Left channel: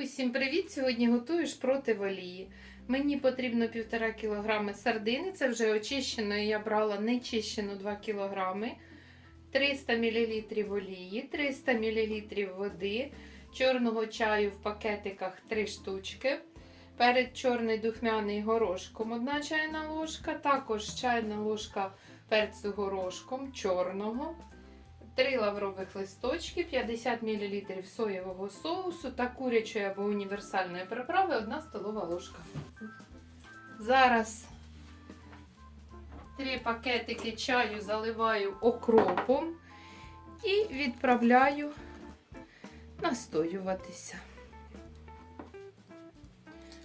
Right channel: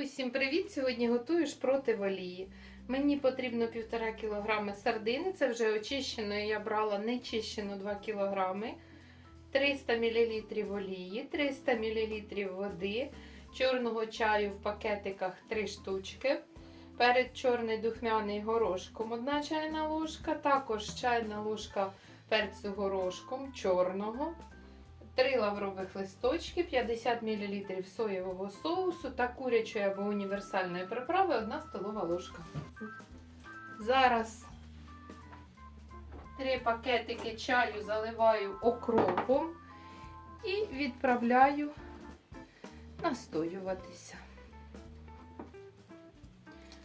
Усім привіт! Сьогодні готую шпроти в олії. Мені потрібно 1,5 кг сардини, це вже очищеної я брала нечищену 2 кг, 300 мл олії, 300 мл води, чорного чаю в пакетиках 3 штучки. Перець чорний духмяний горошком 1 чайна ложка, також чайна ложка перцю горошком чорного. 3 лаврових листочки, 50 мл соєвого соусу та курячої або універсальної приправи 1 столова ложка. Зараз 3 пакетики чаю заливаю окропом і відправляю настоюватися.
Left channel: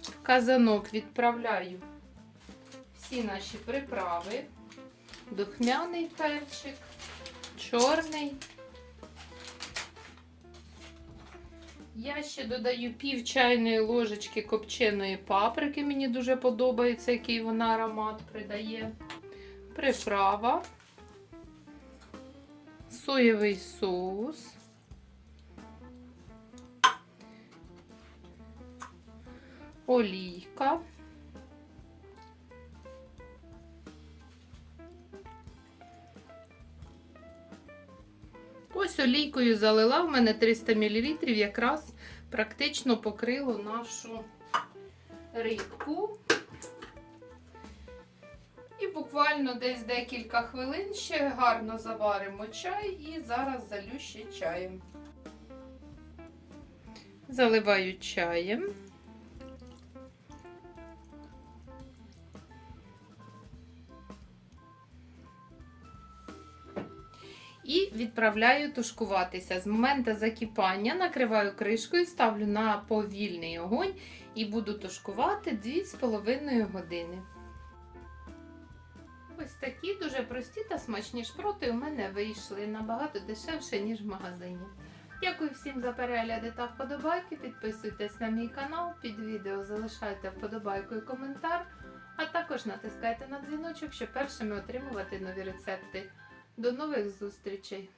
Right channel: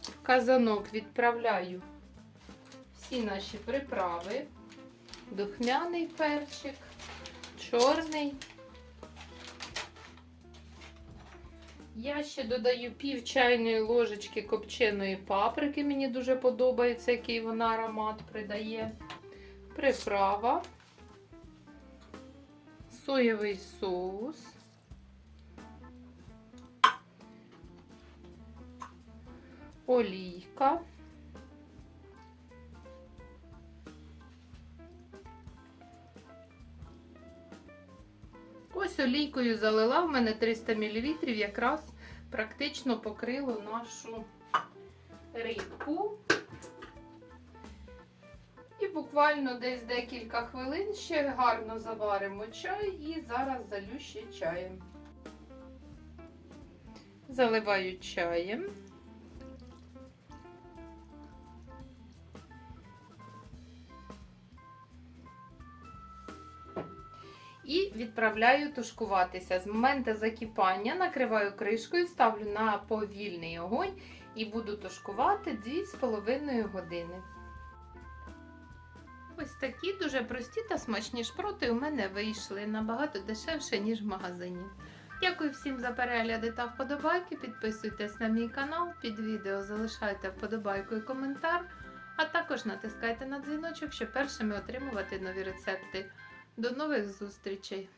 В казанок відправляю всі наші приправи, духмяний перчик чорний. Я ще додаю пів чайної ложечки копченої паприки. Мені дуже подобається, який вона аромат придає. Приправа, соєвий соус. Олійка. Ось олійкою залила, в мене 300 мл, якраз практично покрило нашу рибку. І буквально десь декілька хвилин ще гарно заваримо чай і зараз залю ще чаєм. Заливаю чаєм. І відправляю тушкуватися. З моменту закипання накриваю кришкою, ставлю на повільний огонь і буду тушкувати 2,5 години. Ось такі дуже прості та смачні шпроти у мене вийшли набагато дешевше, ніж в магазині. Дякую всім за перегляди та вподобайки. Підписуйтесь на мій канал, під відео залишайте вподобайку і коментар, а також натискайте на дзвіночок, щоб першими отримувати нові рецепти. До нових зустрічей!